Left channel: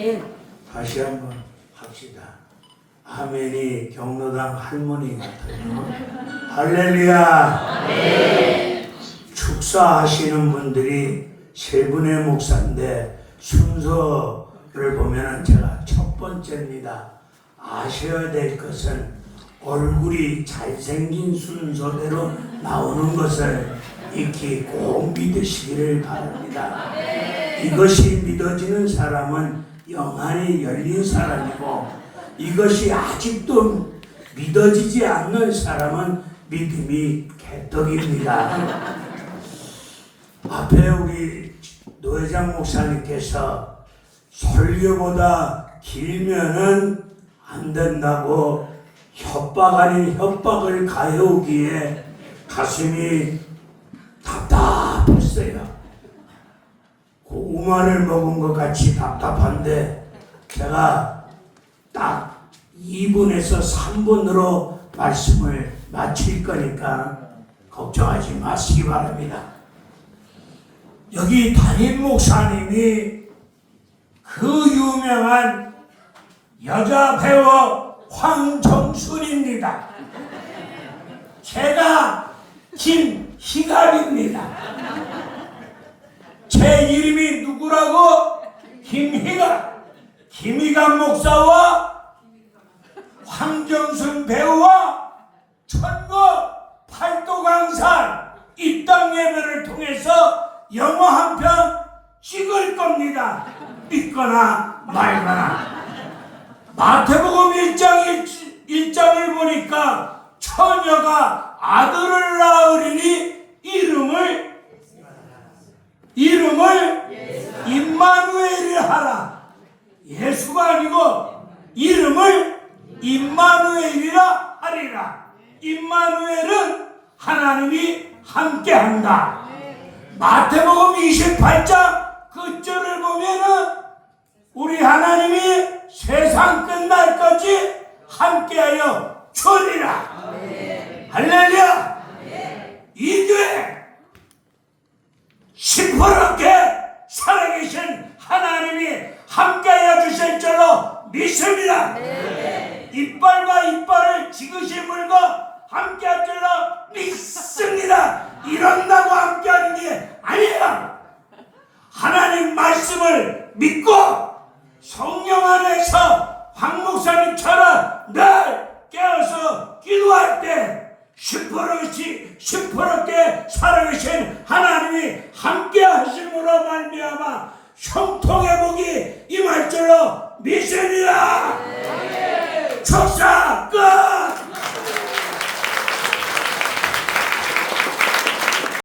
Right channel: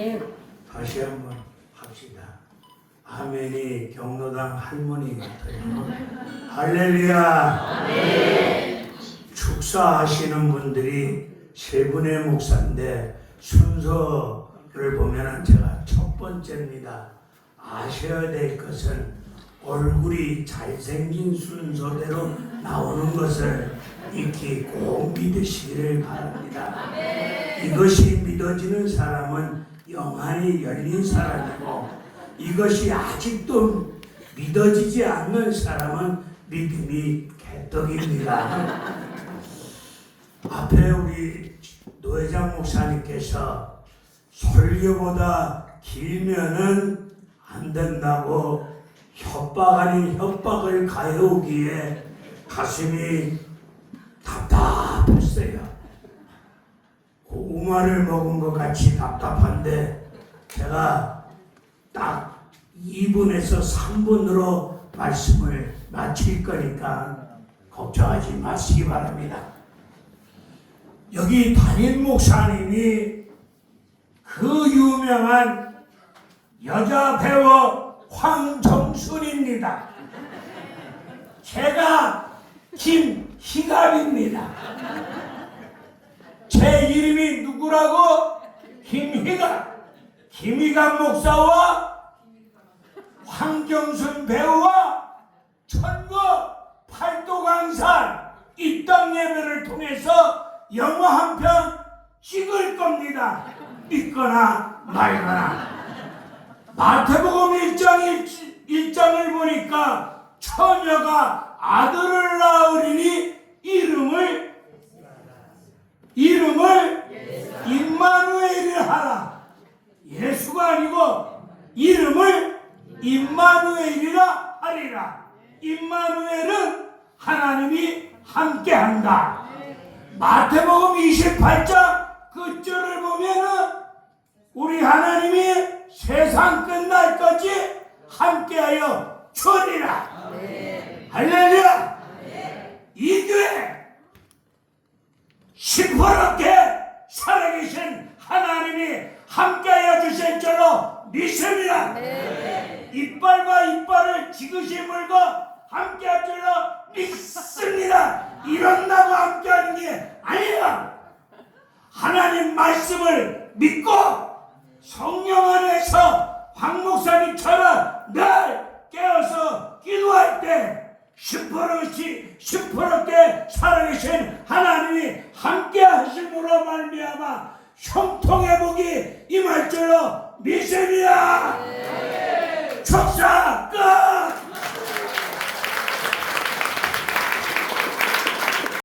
아멘. 다시 한번 합시다. 아멘이 경로당 할머니 같아요. 할렐루야. 축사하시는 분들이 세 분의 목사인데 순서를 보면은 제가 첫 번째입니다. 아셔야 될 것은 얼굴이 잘생긴 순서대로 나오는 것을 익히 꼭 믿으시기를 바랍니다. 이것이 믿어지는 사람은 영안이 열린 사람이고 이것이 아직도 믿어지지 않는 사람은 믿음이 개떡입니다. 앞에 우리 노회장 목사님께서 설교보다 길면은 안 된다고 협박 아닌 협박을 가해오기에 가슴이 답답했어요. 고구마를 먹은 것 같이 답답한데 제가 딱 2분에서 3분으로 말씀을 마칠 거니까 걱정하지 마시기 바랍니다. 여기 담임 목사님이 그 유명한 여자 배우 황정순입니다. 제가 김희갑입니다. 제 이름이 누구라고? 김희갑. 김희갑 목사와 황정순 배우와 천국 팔도 강산 이 땅 예배를 통해서 영화 한 편 찍을 겁니다. 믿거나 말거나. 마태복음 1장 1, 장을 보니까 처녀가 아들을 낳으리니 이름을 이름을 임마누엘을 하라. 예수가 아니고 이름을 임마누엘이라 하리라. 임마누엘은 하나님이 함께한다. 마태복음 28장 그 절을 보면은 우리 하나님이 세상 끝날까지 함께하여 주리라. 할렐루야. 이 교회 시퍼렇게 살아계신 하나님이 함께하여 주실 줄로 믿습니다. 이빨과 이빨을 지그시 물고 함께할 줄로 믿습니다. 이런다고 함께하는 게 아니야. 하나님 말씀을 믿고 성령 안에서 황 목사님처럼 날 깨어서 기도할 때 시퍼렇이 시퍼렇게 살아계신 하나님이 함께 하심으로 말미암아 형통의 복이 임할 줄로 믿습니다. 예. 네. 사 끝!